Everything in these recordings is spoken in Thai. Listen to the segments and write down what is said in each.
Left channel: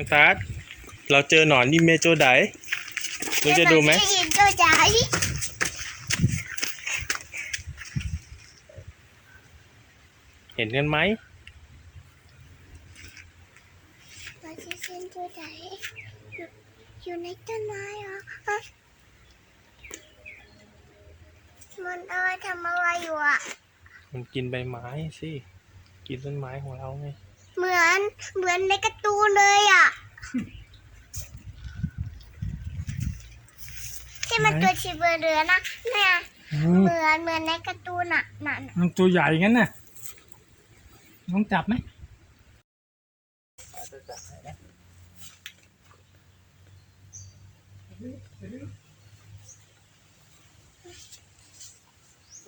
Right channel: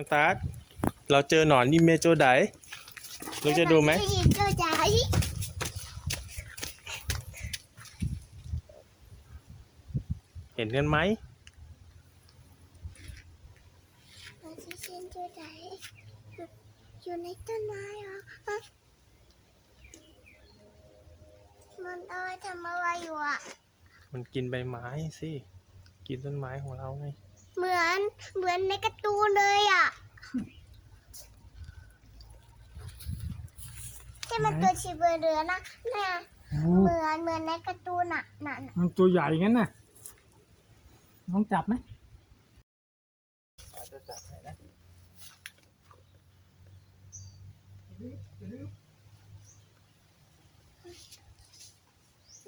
น้องตาร์ทเราเจอหนอนนี่เมโจไดหนูจะดูไหมได้ยินก็ใจเห็นกันไหมมันจะเส้นตัวใจอยู่ในต้นไม้เหรอฮะมันเอาไว้ทำอะไรอยู่อะ มันกินใบไม้สิ กินต้นไม้ของเราไง เหมือนเหมือนในการ์ตูนเลยอะที่มันตัวชีเบอร์เรือนะเนี่ยอืมเหมือนเหมือนในการ์ตูนอะนั่นมันตัวใหญ่งั้นน่ะน้องจับไหม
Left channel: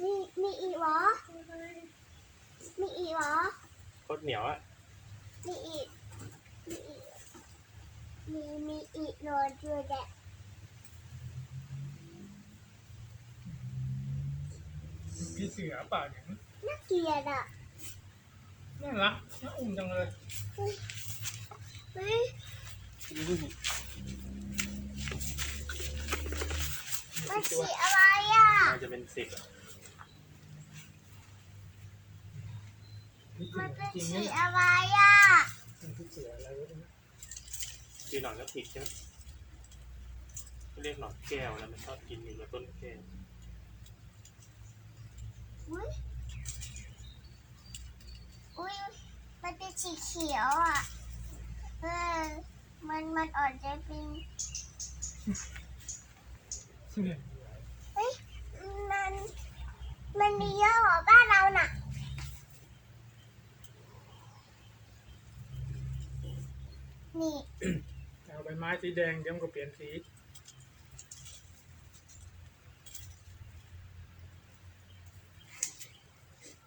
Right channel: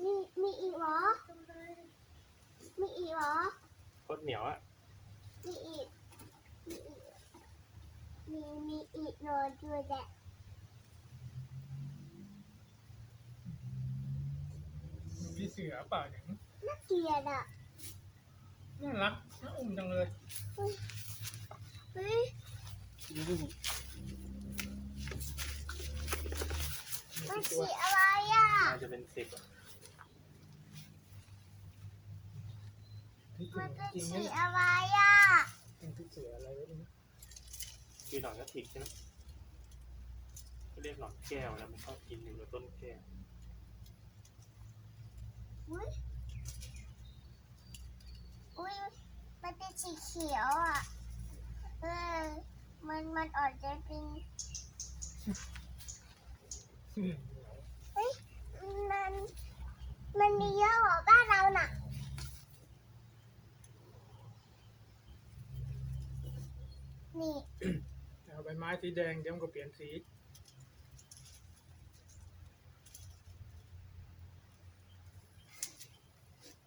มีมีอีกเหรอมีอีกเหรอเขาเหนียวอะ มีอีกมีอีกมีมีอีกนอนด้วยแหละพี่เสือเปล่าอย่างนี้น่าเกลียดอะน่ารักน่าอุ้มจังเลยเฮ้ยมันสีอะไรอะมันจะเป็นสิบมันเป็นสีอะไรอะ พี่เสืออะไรวะเนี่ย คือหนอนกระถิดใช่ไหมเขาเรียกหนอนแก้วนะมันชอบกินอยู่กับต้นแก้วอุ้ยอุ้ยมันเป็นสีเขียวอะเออมันมันออกจะเป็น เฮ้ย มัน มันมีเยอะกว่าบ้านเราน่ะ นี่ เอาใบไม้สีแดงเดี๋ยวมันก็เปลี่ยนสี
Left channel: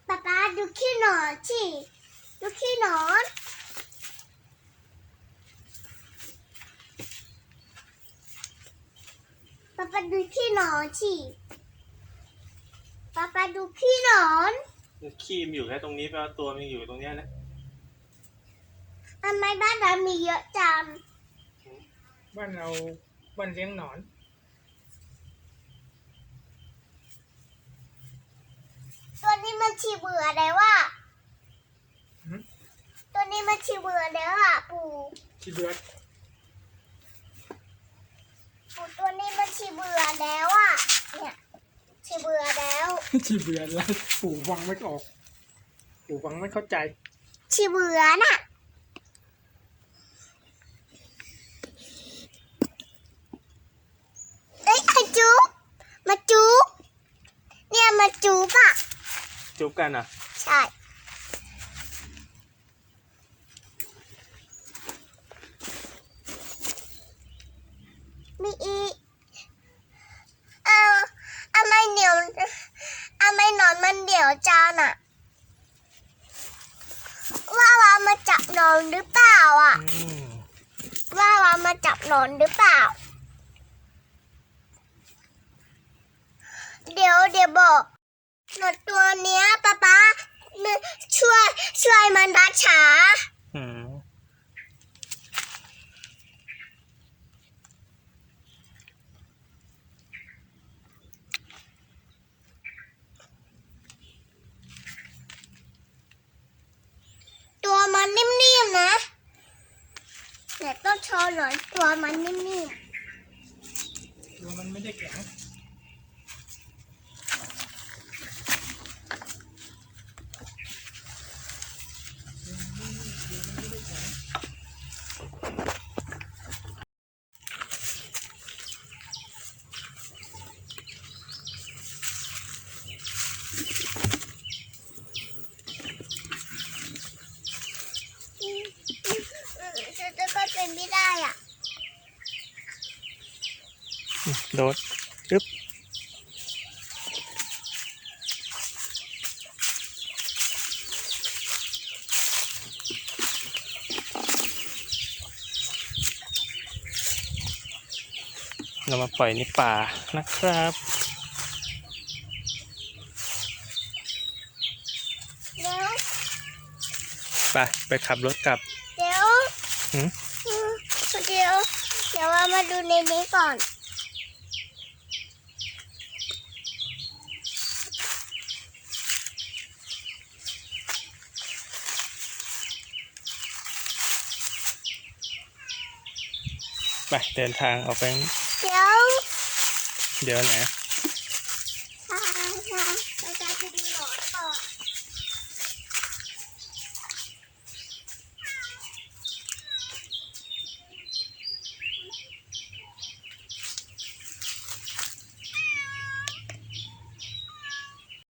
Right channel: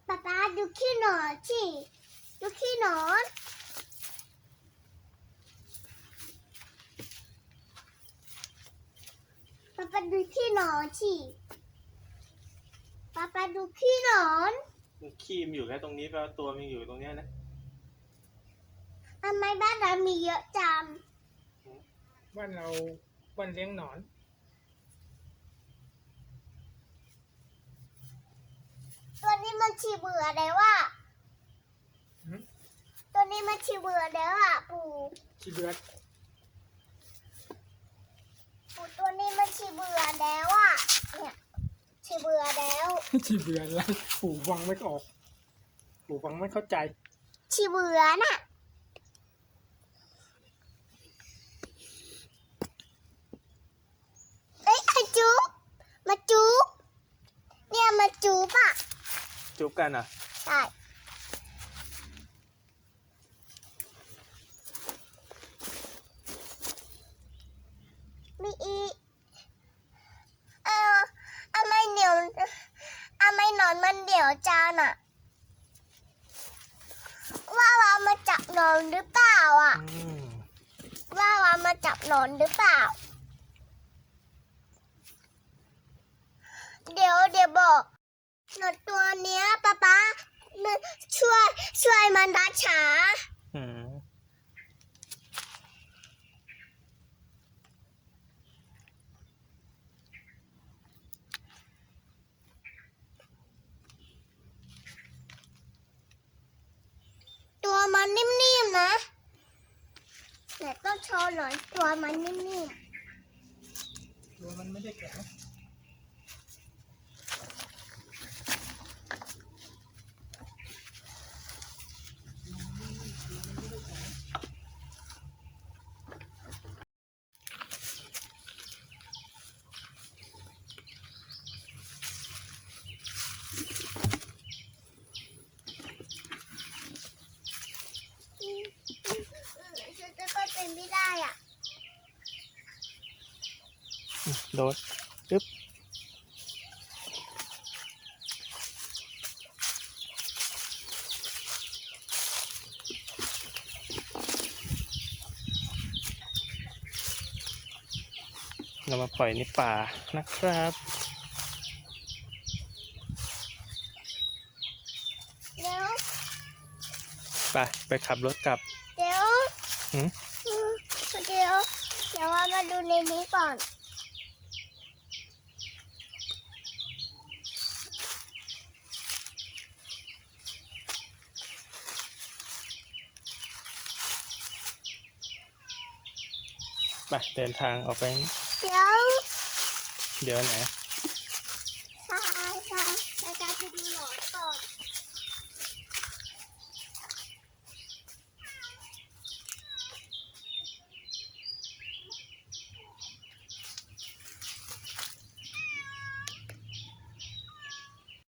ป๊าป๊าดูขี้หนอนสิดูขี้หนอนป๊าป๊าดูขี้หนอนสิป๊าป๊าดูขี้หนอนขี้มันอยู่แค่ตรงนี้แปลว่าตัวมันอยู่ตรงเนี้ยนะ ทำไมบ้านเรามีเยอะจัง บ้านเราบ้านเลี้ยงหนอน ตัวนี้มันชีเบื่อแล้วว่ะหืม ตัวนี้มันชีเบื่อแล้วอะปู่ชีเบือดปู่ตัวนี้มันชีเบื่อแล้วอะเนี่ยชีเบื่อแล้วชีเบือดแล้วปู่ฟังไม่ออก ปู่ฟังไม่เข้าใจชีเบื่อน่ะ เอ้ยมาจุ๊บมาจุ๊บเนี่ยมาจุ๊บอะ จุ๊บกันอะ ใช่ มีอีกเอาทำไมเหนียวทำไมหนอนมันเหนียวจานอะ ว่าวามาจับหนอนหรือเปล่าอะอืมว่าวามาจับหนอนหรือเปล่า เดี๋ยวเดี๋ยวบอก หนอนตัวเนี้ยป๊าป๊าช่วยช่วยมันรักษาอืมตัวมันนิ่มๆนะแต่ต้องโชว์หน่อยตัวมันนิ่มๆตัวมันไม่ได้แข็ง ๆอืมจะจะก็เป็นไม่ได้อะ โดดปึ๊บเรามาปล่อยในป่านะครับเดี๋ยวไปไปขับรถกลับ เดี๋ยวหืมอืม เดี๋ยว เดี๋ยวว่ามาดูในนี้ก่อน ไปเดินทางออกไป เดี๋ยว เดี๋ยวไหน